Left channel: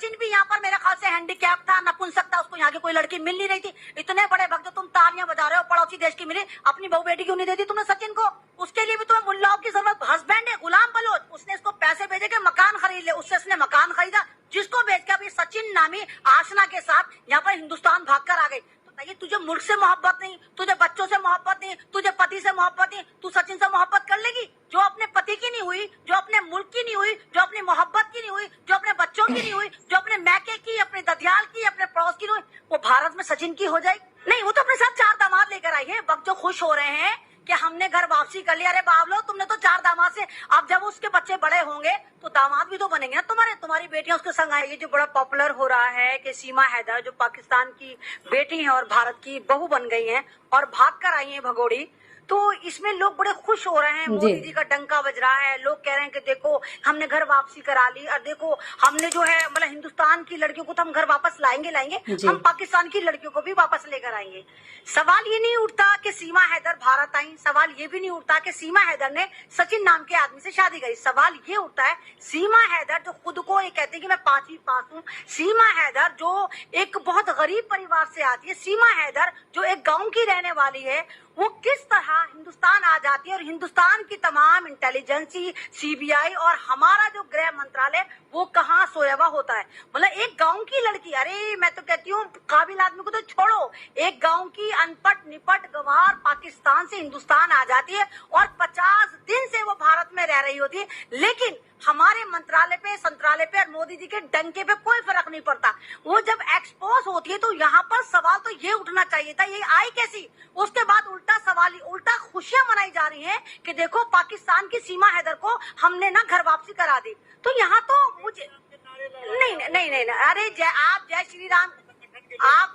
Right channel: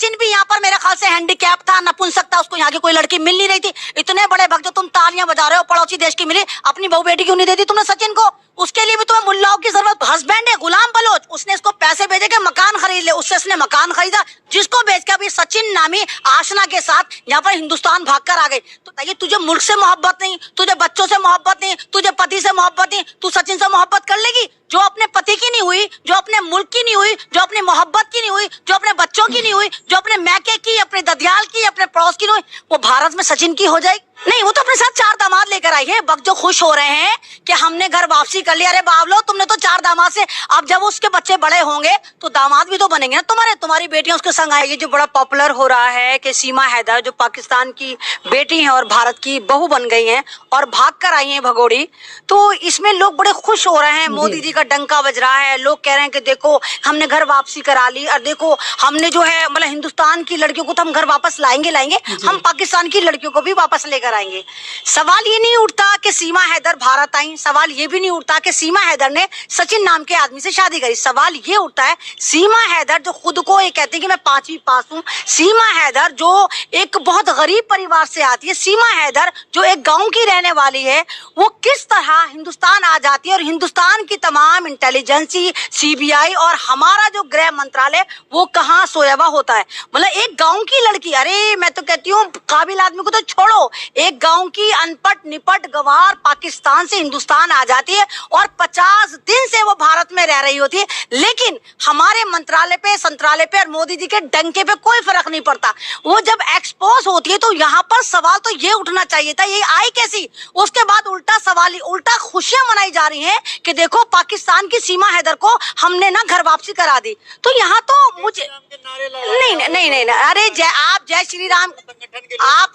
सचिन भी यहाँ पर मेरे ख्याल से हैंडीकैप था, नपुंसक था, उसको यहाँ की कोई लड़की मिल नहीं रही थी। इतने बड़े भक्त जो तुम तालियां बजा रहे हो, पड़ोसी देश की मिली, अपनी बहू बेटी क्यों नहीं दे दी तुमने सचिन को? उसके लिए भी तुम्हें मुल्लाओं की जरूरत। हस्बैंड है गुलाम बलोच, उसने इसको पैसे भेजे के मकान खरीद ले, उससे इसने मकान खरीदा, जिसको बेच के अभी सचिन नामी आशना के साथ यहाँ पर हिंदुस्तान भागकर आ गई। तो ताकि तुझे मुल्क से मोहब्बत नहीं, तुझे बच्चों से मोहब्बत नहीं, तुझे पति से मोहब्बत नहीं, तू सचिन से मोहब्बत कर लेगी? जो अपने पति की नहीं हुई, जो अपने मुल्क की नहीं हुई, जो अपनी मोहब्बत की नहीं हुई, जो अपने बच्चों की नहीं हुई, जो अपने मैके की, अपने ददियाल की, अपने पड़ोस की नहीं हुई, वो भारत में सचिन की हो जाएगी? नहीं, वो तो अपने साथ 4 दामाद लेकर आई है। वक्त जो खुश हो रहे हैं कि हमने घर वापसी कर लिया। अरे बावलो, तुमने तो 4 दामाद से, अब जब उसके बच्चे बड़े होंगे तो दामाद भी तो बनेंगे ना तुम्हारे। तुम्हारी बेटियां उसके संग आएगी। जो बड़ा पॉपुलर हो रहा है कि सीमा हैदर जो पाकिस्तान की बेटी है और भारत की बहू बन गई है और भाग कर आई है भगोड़ी, तो इसमें लोग बड़े खुश हो रहे हैं। मोदी जी का डंका बज रहा है, लोग कह रहे हैं कि देखो हमने घर वापसी करा ली, और देखो हमने जो है मतलब हिंदुस्तान की लड़कियों को तो हम घर वापस लाएंगे, हम पाकिस्तान की लड़कियों को भी वापस लेकर आएंगे। सवाल ये नहीं उठता कि सीमा हैदर भारत आई, सवाल ये भी नहीं उठता कि सीमा हैदर ने सचिन नाम के आदमी से शादी करी। सवाल ये उठता है सीमा हैदर जो खुद को ये कहती है कि मैं 5वीं पास हूँ, सीमा हैदर जो एक बहुत गरीब परिवार से आती है, सीमा हैदर जो एक गांव की रहने वाली है, वो किस तरह हिंदुस्तान आ जाती है और हिंदुस्तान की तमाम इंटेलिजेंसी, सीबीआई और हमारा जो गृह मंत्रालय वो कहाँ सोया हुआ होता है। मतलब एक गांव की लड़की, अरे मैं तो कहती हूँ काबिल आदमी को तो छोड़ो, एक गांव की अनपढ़ निपट गवार पाकिस्तान से हिंदुस्तान आ जाती है और 50 दिन से वो भारत में रह रही होती है, लेकिन हमारे मंत्रालय पे, संत्रालय पे और मोदी जी के डंके पे कोई फर्क नहीं पड़ता। वो जब एक्सपोज होती है तो यहाँ पर सवाल तो ये उठना चाहिए था, ये आई कैसी? उसके बाद उल्टा सवाल, उल्टा खुशियां मनाई जा रही हैं कि देखो पाकिस्तान की सीमा हैदर को हमने ना घर वापसी करा दी। तो यहाँ तो मुझे नहीं नहीं नहीं नहीं, अरे आप जय श्री राम, आप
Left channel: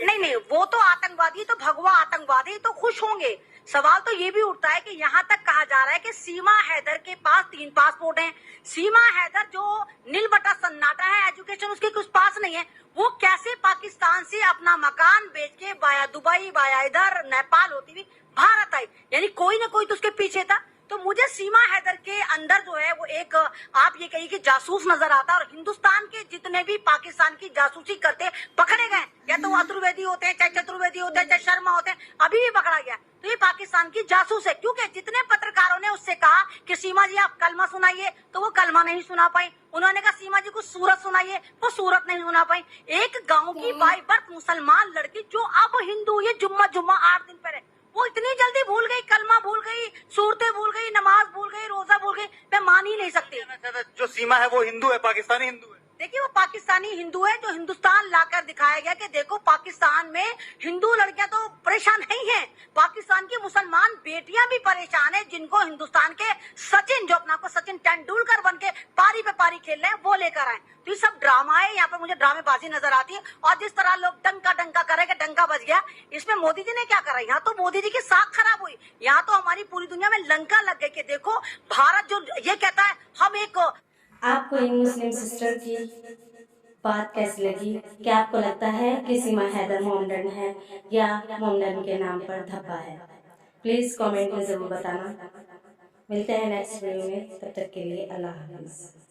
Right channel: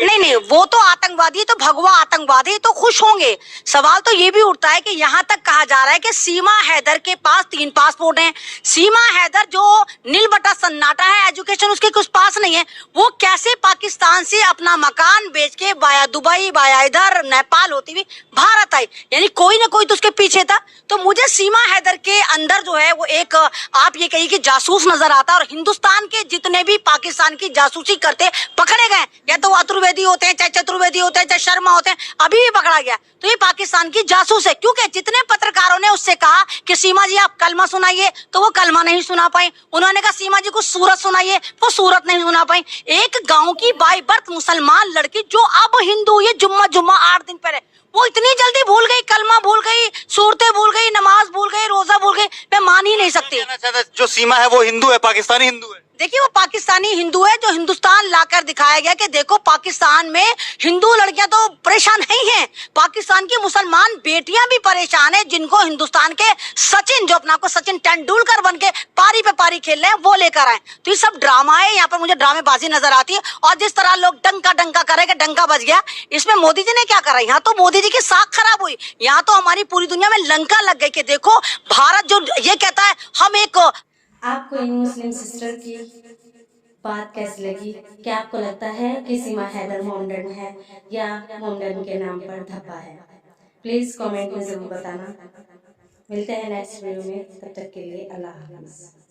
नहीं, वो तो आतंकवादी, तो भगवा आतंकवादी, तो खुश होंगे। सवाल तो ये भी उठता है कि यहाँ तक कहा जा रहा है कि सीमा हैदर के पास 3 पासपोर्ट हैं। सीमा हैदर जो नील बटा सन्नाटा है, एजुकेशन उसके कुछ पास नहीं है, वो कैसे पाकिस्तान से अपना मकान बेच के बाया दुबई, बाया इधर नेपाल होती हुई भारत आई? यानी कोई ना कोई तो उसके पीछे था। तो मुझे सीमा हैदर के अंदर जो है वो एक, आप ये कहिए कि जासूस नजर आता है। और हिंदुस्तान के जितने भी पाकिस्तान की जासूसी करते पकड़े गए, या तो अतुर्वेदी होते हैं, चाहे चतुर्वेदी होते हैं, चाहे शर्मा होते हैं, अभी भी पकड़ा गया, तो ये पाकिस्तान की जासूस है। क्योंकि जितने पत्रकारों ने उससे कहा कि सीमा जी आप कलमा सुनाइए, तो वो कलमा नहीं सुना पाई। उन्होंने कहा सीमा जी को सूरत सुनाइए, वो सूरत नहीं सुना पाई। एक गांव की बाई बर्थ मुसलमान लड़की जो अब हिंदू, ये जुम्मा 8 दिन पहले, वो इतनी जल्दी भूल गई, कलमा भूल गई, सूरतें भूल गई, नमाज भूल गई, रोजा भूल गई। मैं मान ही नहीं सकती। जो सीमा है वो हिंदू है, पाकिस्तानी हिंदू है। देखिए वो पाकिस्तानी हिंदू है जो हिंदुस्तान लाकर दिखाया गया कि देखो पाकिस्तान में हिंदू लड़कियां तो परेशान नहीं हैं, पाकिस्तान की मुसलमान बेटियां भी परेशान हैं, जिनको हिंदुस्तान के सचिन, जो अपना को सचिन तेंदुलकर बन के पारी पे पारी खेल रहे हैं, वो लेकर आए। तो ये सब ड्रामा है, यहाँ पर मुझे ड्रामेबाजी नजर आती है। और जिस तरह लोग डंका डंका करे कि डंका बज गया, इसमें मोदी जी ने क्या करा? यहाँ तो मोदी जी की साख खराब हुई, यहाँ तो हमारी पूरी दुनिया में लंका लग गई कि देखो भारत जो ये कहता है हम एक। आपको इन मुस्लिम सिस्टर की बात कैसी लगी? क्या आपको लगता है कि सीमा हैदर मोमडन है या मोमडन के नाम पर धब्बा है? प्लीज़ कमेंट में ज़रूर बताना। मिलते हैं नेक्स्ट वीडियो में, तब तक के लिए अल्लाह हाफ़िज़।